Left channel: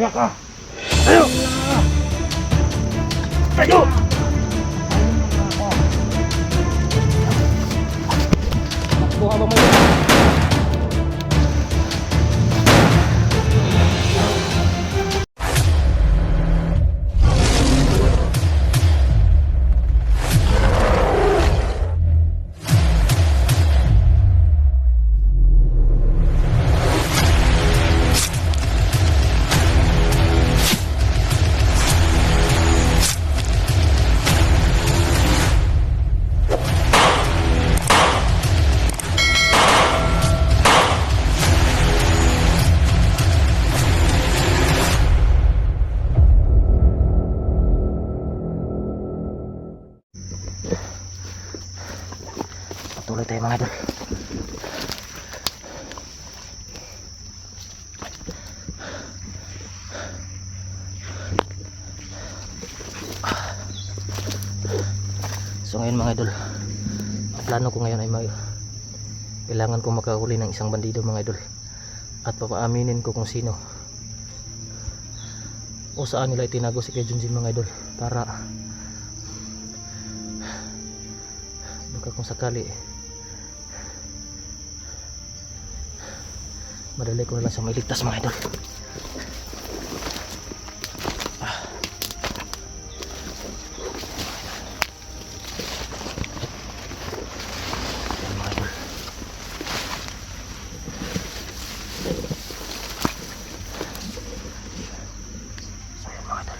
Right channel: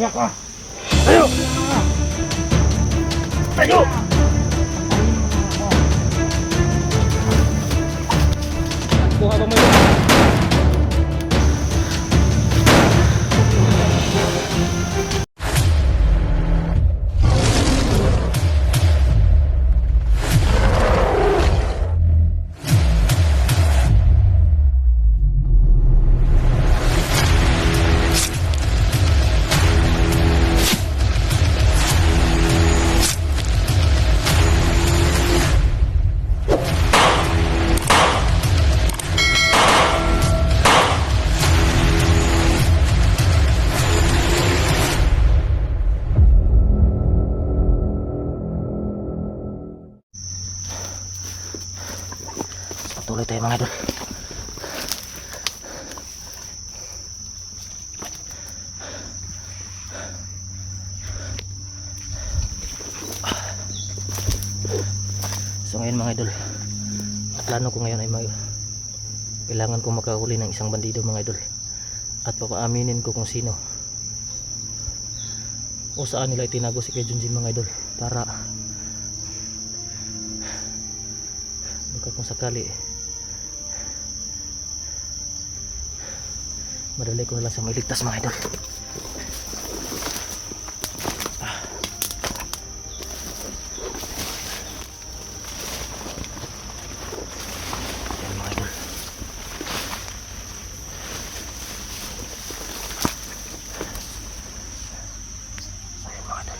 Ka. Tayo! Tayo! Takbo habang may patuloy tayo mga idol. So ngayon mga idol, ang plano ko ngayon ay kailangan kong makahuli ng isang bandido mga idol, at papaaminin ko kung sino o saan nila itinago si Kuya Junjin mga idol, para baka kung sakali madali ko na lang siya mailigtas mga idol. Ayan mga idol. So ayan mga idol.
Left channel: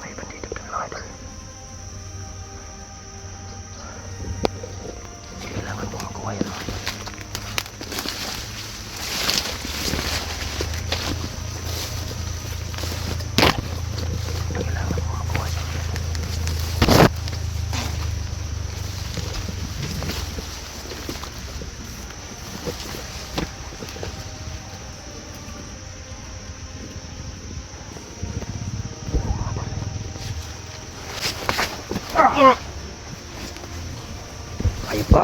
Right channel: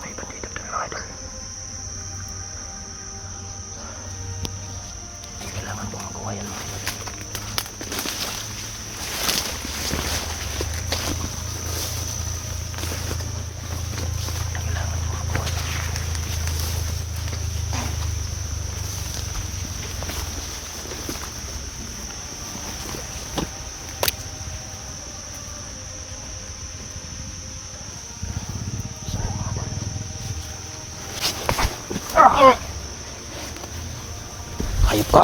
May bandido doon mga idol. Kailangan po makuha yan mga idol. Kailangan po makuha yan. Hayop ka.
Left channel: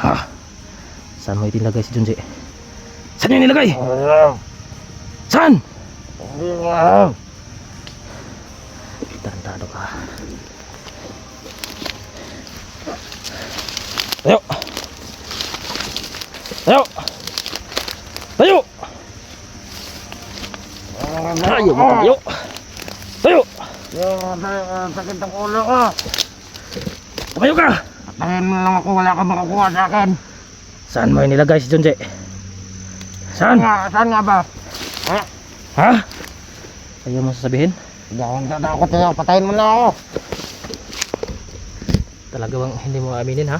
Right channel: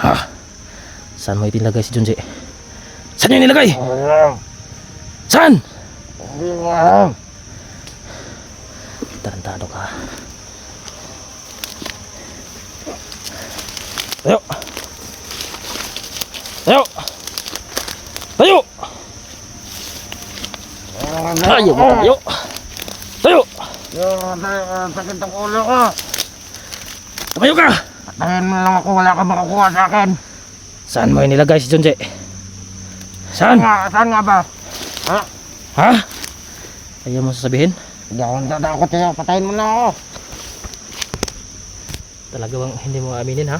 Ha? Saan mo itinilagay si Junji? Saan yung nilagay? Saan? Tarantado ka. Tayo! Tayo! Tayo! Tayo mo tayo! Tayo! Sakit ang ulo ko. Tumayo ka! Patayin mo lang ako, wala ka makukuha sa akin. Saan mo inilagay si Junji? Saan? Saan nga ba? Ha? Ayaw mo sasabihin? Hindi ako natatakot sa'yo, patayin mo lang ako. Talaga bang hindi mo aminin ha?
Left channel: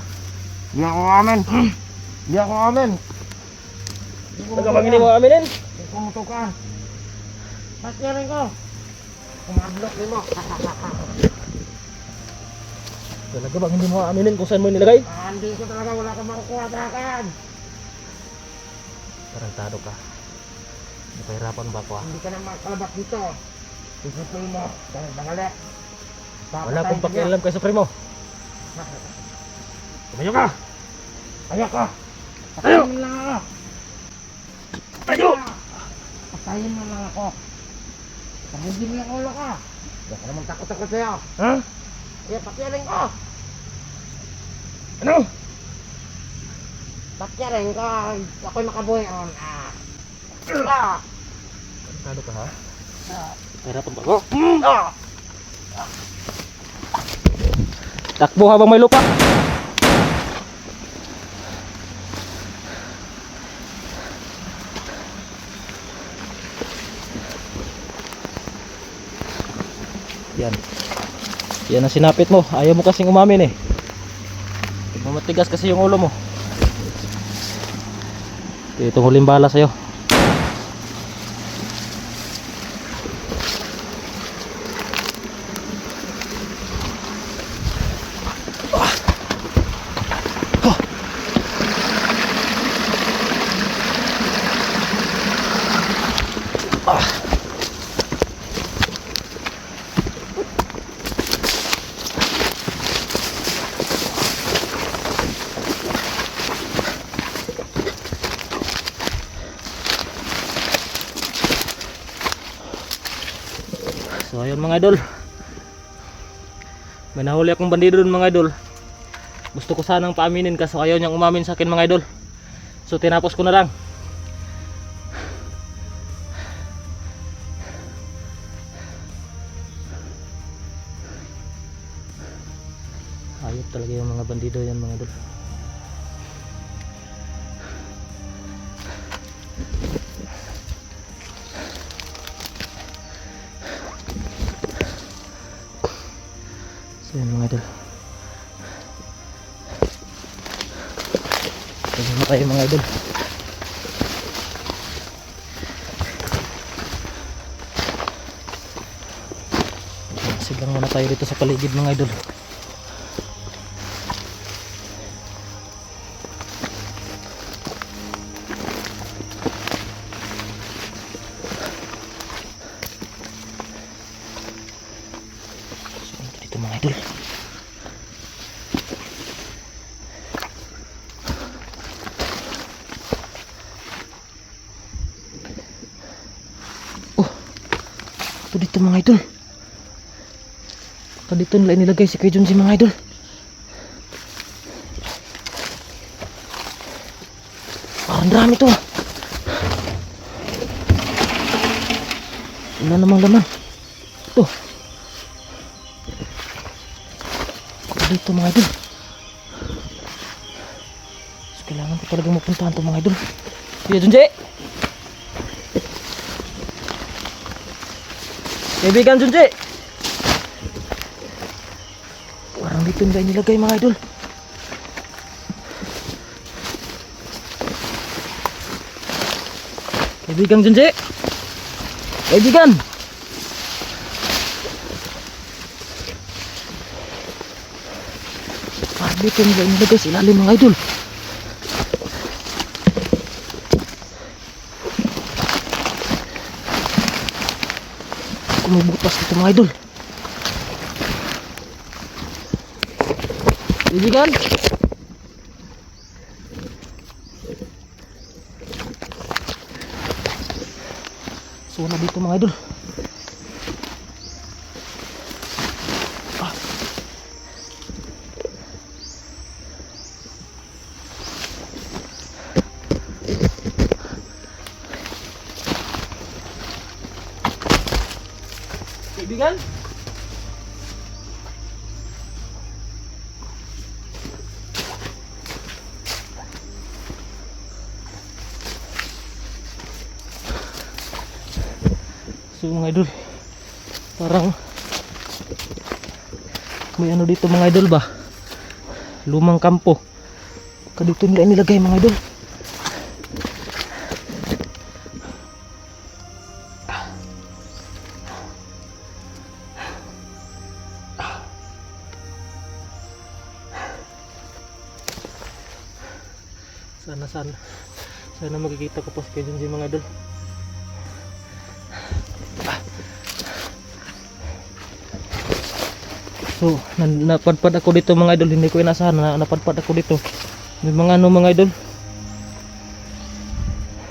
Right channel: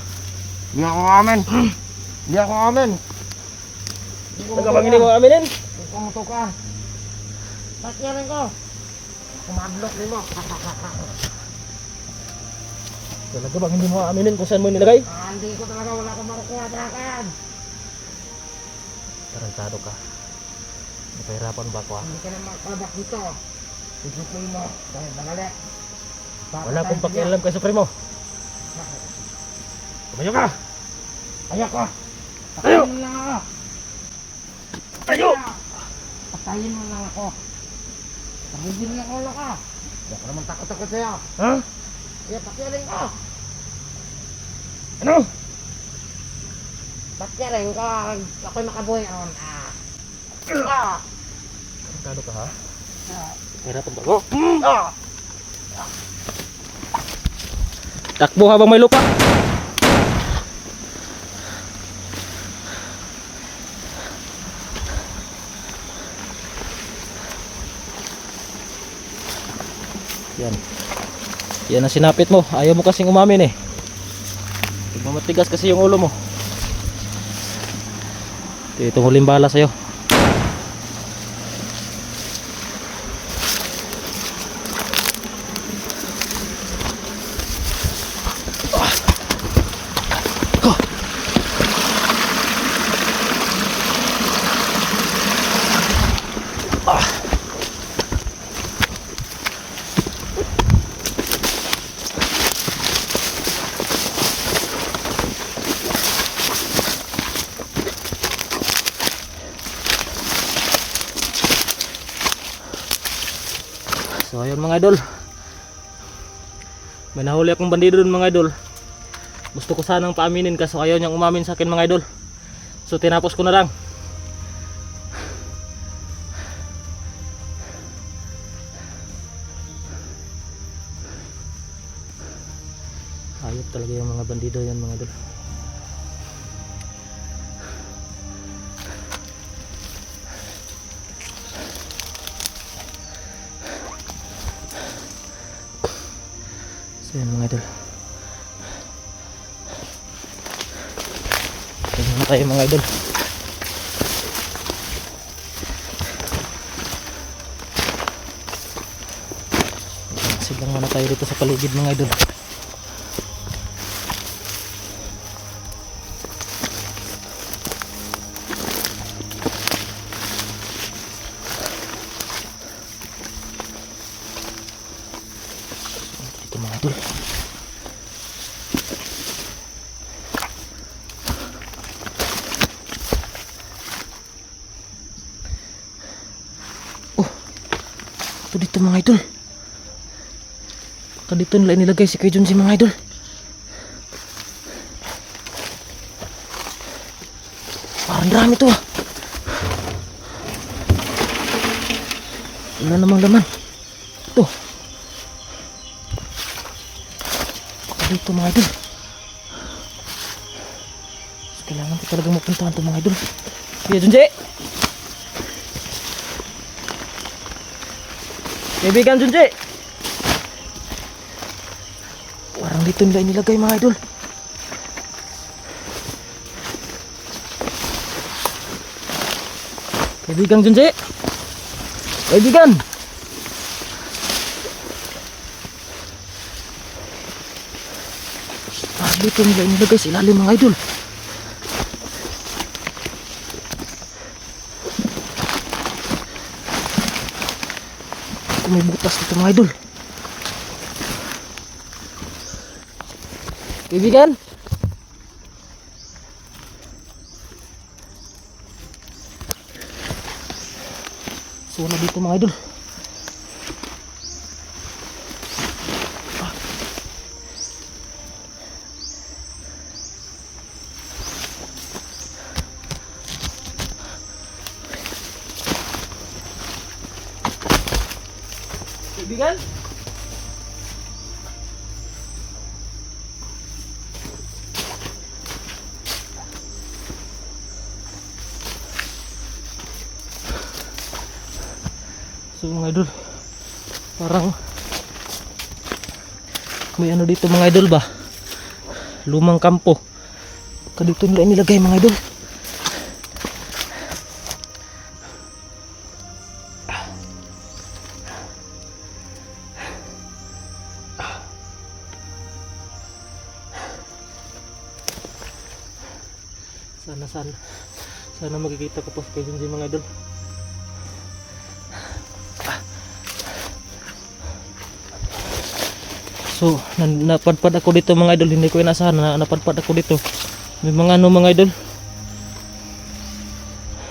Hindi ako amin. Hindi ako amin. Talaga bang hindi mo aminin? Hindi ko mutukan. Bakyarin ko. Kumadlok mo. Talaga bang hindi mo aminin kung saan mo nilagay? Hindi ko talaga, wala ka makukuha sa akin. Tarantado ka. Napahirapan ba ako ha? Hindi ka na makalabas dito. Isipin mo, dahil bangali. Wala akong pakialam kay Supremo. Tumayo ka! Ayoko. Tayo! Patayin mo lang ako. Tayo! Patayin mo lang ako. Nahigil ng ulo ka. Hindi ako naman takot-takot sa'yo. Ha? Kaya pakyarin ko. Ano? Pakyarin ko. Ako'y makabuhay ron. Tarantado ka ha? Napahirapan ba ako? Takbo habang may lupa! Yan. Yan ang sinapit mo. Ayaw mo kasing umamin eh. Matigas kasi yung ulo mo. Itong huling bala sa'yo. Ah. So ayun mga idol, may nahuli akong bandido dun mga idol. Gusto ko sanang paaminin kaso ayaw niyang umamin sa akin mga idol. So tinapos ko na lang. Ayop talaga yung mga bandido yan mga idol. So yan mga idol, ito na tayo mga idol. Siglang muna tayo dito sa paligid mga idol. So dito mga idol. Ito dito mga idol. Ito dito nila inilagay si Kuya Junji mga idol. Parang dami to. Wala namang laman. Ito. Ito dito mga idol. So, kailangan ko talaga mapuntahan to mga idol. Kuya Junji! Kaibigan Junji! Parang dito nila inilagay mga idol. Kaibigan Junji! Kaibigan! Parang dito nila inilagay sa ilalim mga idol. May butas dito mga idol. Kaibigan, so wala dito mga idol. Kaibigan, so mga idol, parang may ano dito mga idol ba, lumang kampo. Dito nila nilagay mga idol. Sana makikita ko po sa Kuya Junji mga idol. So napadpad ako dito mga idol, hindi ko inasahan na napadpad ako dito. May mga ano mga idol,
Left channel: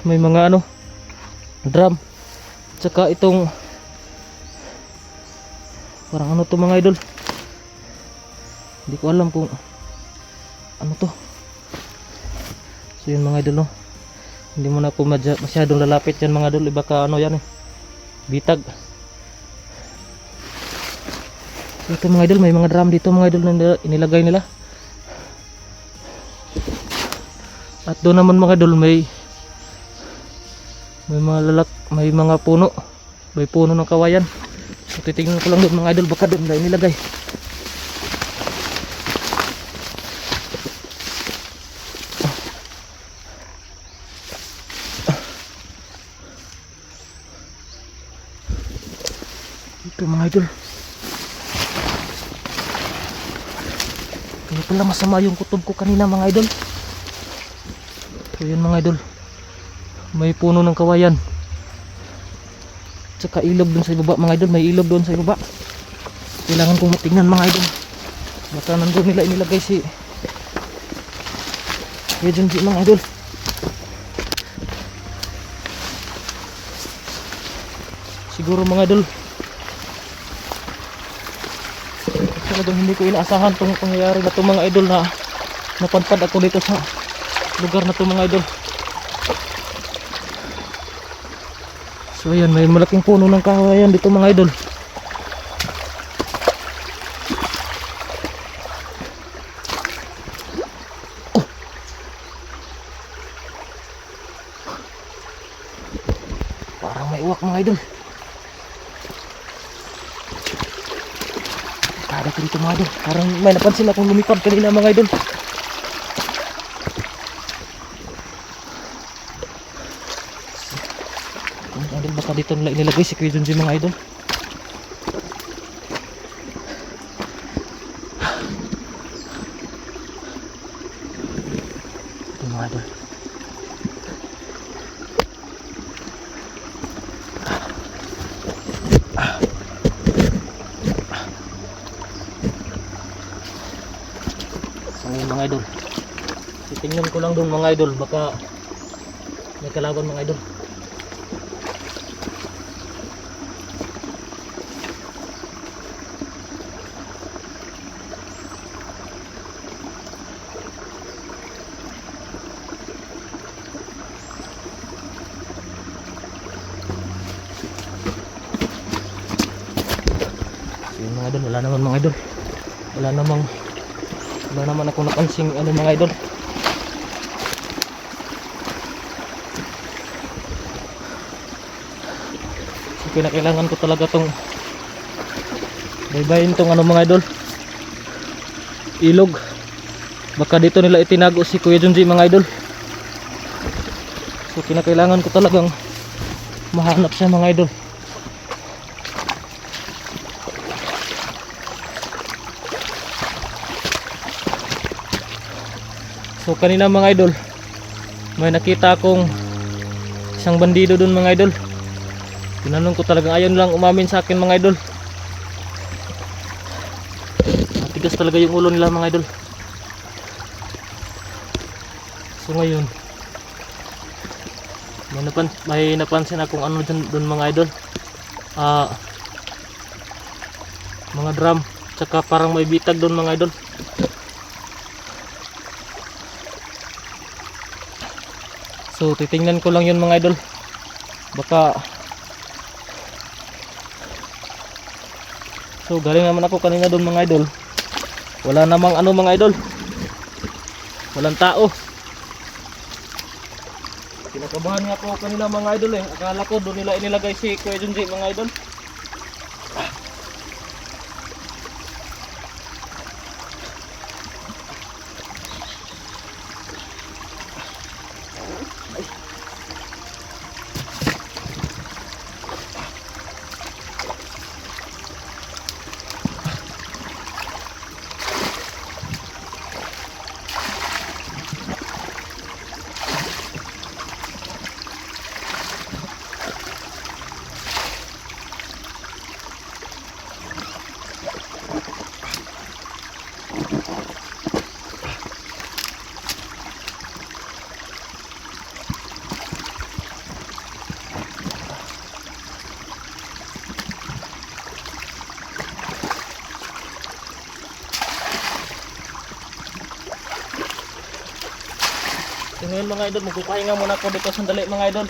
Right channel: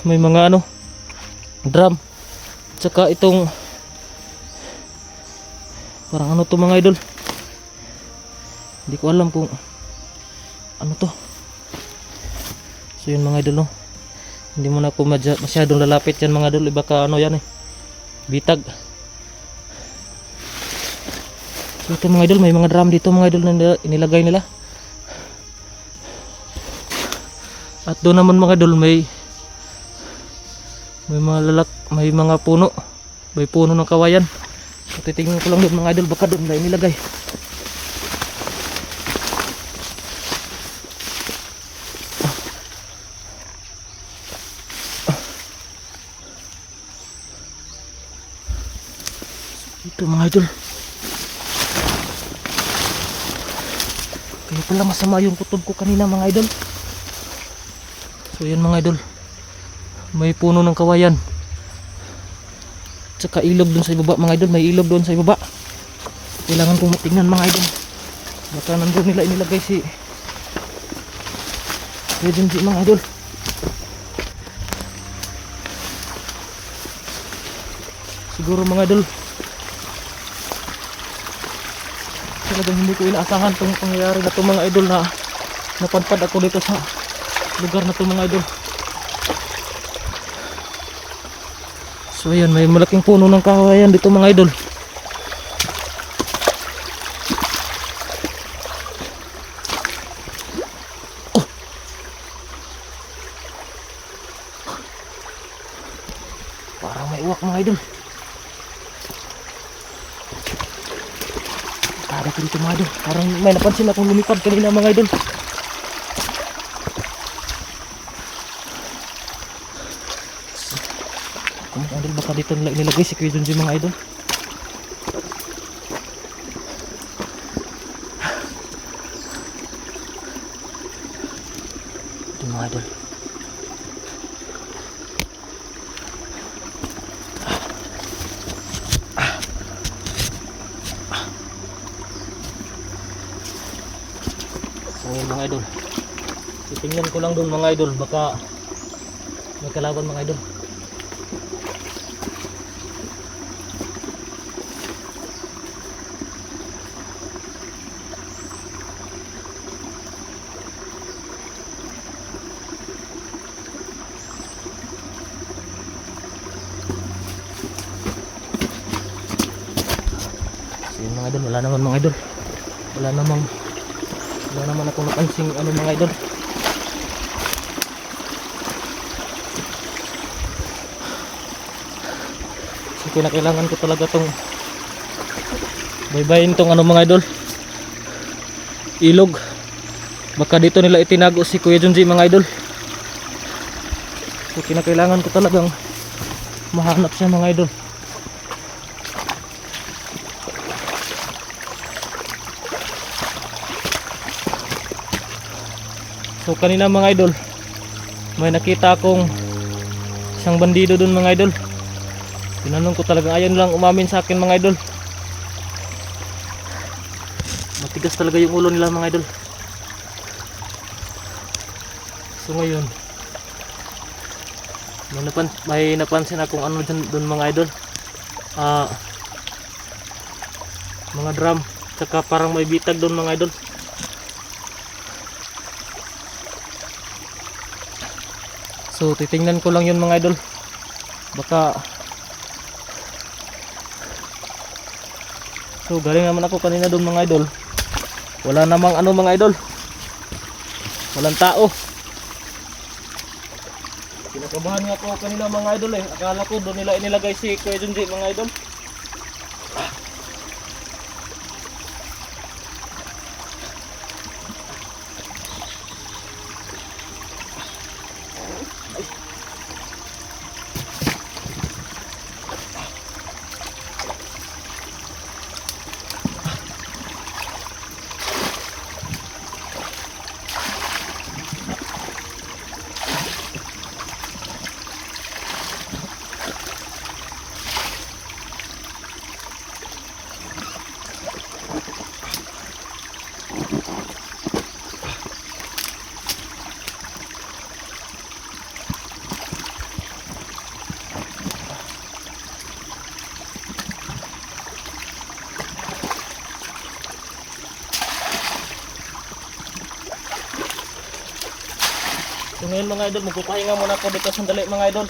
may mga ano drum, tsaka itong parang ano to mga idol, hindi ko alam kung ano to. So yun mga idol, no, hindi mo na po masyadong lalapit yan mga idol, baka ano yan bitag. So ito mga idol, may mga drum dito mga idol na inilagay nila. At doon naman mga idol may mga puno, may puno ng kawayan. So titingnan ko lang doon mga idol, baka doon na inilagay. Ito mga idol, kaya pala masama yung kutob ko kanina mga idol. So yun mga idol, may puno ng kawayan. Tsaka ilog dun sa ibaba mga idol. May ilog dun sa ibaba. Kailangan kong tingnan mga idol. Baka nandun nila inilagay si Kuya Junji mga idol. Siguro mga idol, talagang hindi ko inaasahan itong pangyayari na ito mga idol, na napadpad ako dito sa lugar na ito mga idol. So ayan, may malaking puno ng kawayan dito mga idol. Parang may uwak mga idol. Kada ko dito mga idol. Parang may napansin akong lumipad kanina mga idol. Mga idol, baka dito nila inilagay si Kuya Junji mga idol. Ito mga idol. Ngayon mga idol, titingnan ko lang doon mga idol, baka may kalaban mga idol. So yun mga idol, wala naman mga idol. Wala naman ako napansin ano mga idol. So kailangan ko talaga tong baybayin tong ano mga idol, ilog. Baka dito nila itinago si Kuya Junji mga idol. So kinakailangan ko talagang mahanap siya mga idol. So kanina mga idol, may nakita akong isang bandido dun mga idol. Tinanong ko, talagang ayaw lang umamin sa akin mga idol. Matigas talaga yung ulo nila mga idol. So ngayon, may napansin akong ano dun mga idol, mga drum, tsaka parang may bitag dun mga idol. So titingnan ko lang yun mga idol. Baka so galing naman ako kanina doon mga idol. Wala namang ano mga idol. Walang tao. Kinakabahan nga ako kanina mga idol eh. Akala ko doon nila inilagay si Kuya Junji mga idol. So ngayon mga idol, magpapahinga muna ako dito sandali mga idol.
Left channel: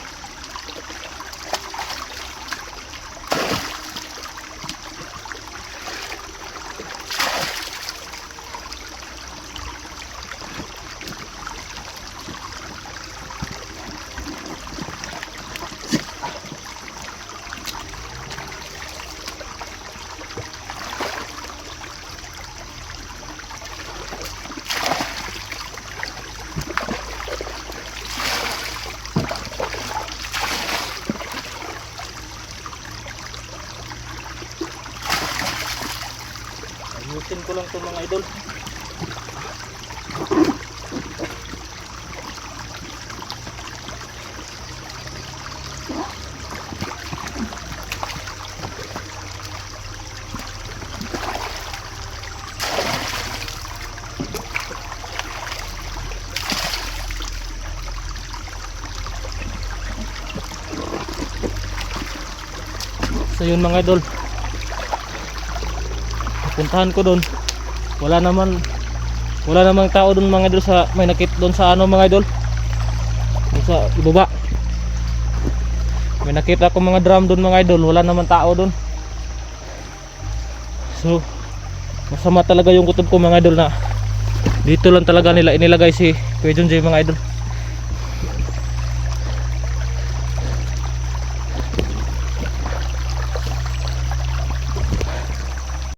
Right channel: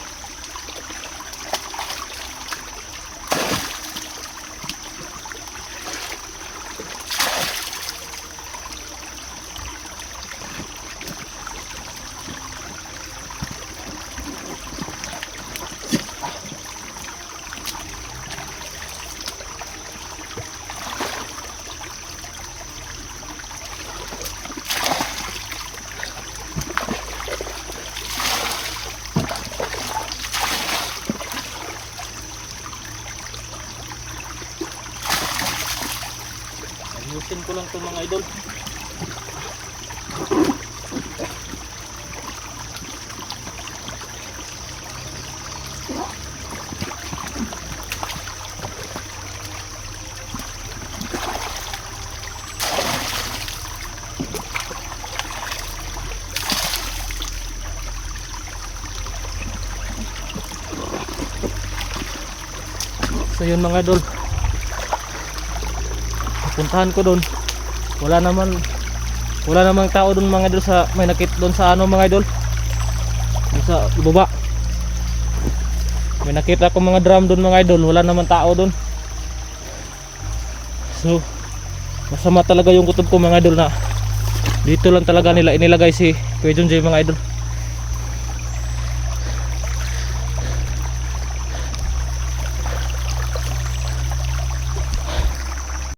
Ayusin ko lang to mga idol. So yun mga idol, puntahan ko doon. Wala namang tao doon mga idol, sa may nakit doon sa ano mga idol, doon sa ibaba. May nakita ko mga drum doon mga idol, wala naman tao doon. So masama talaga yung kutob ko mga idol, na dito lang talaga nila inilagay si Kuya John Jay mga idol.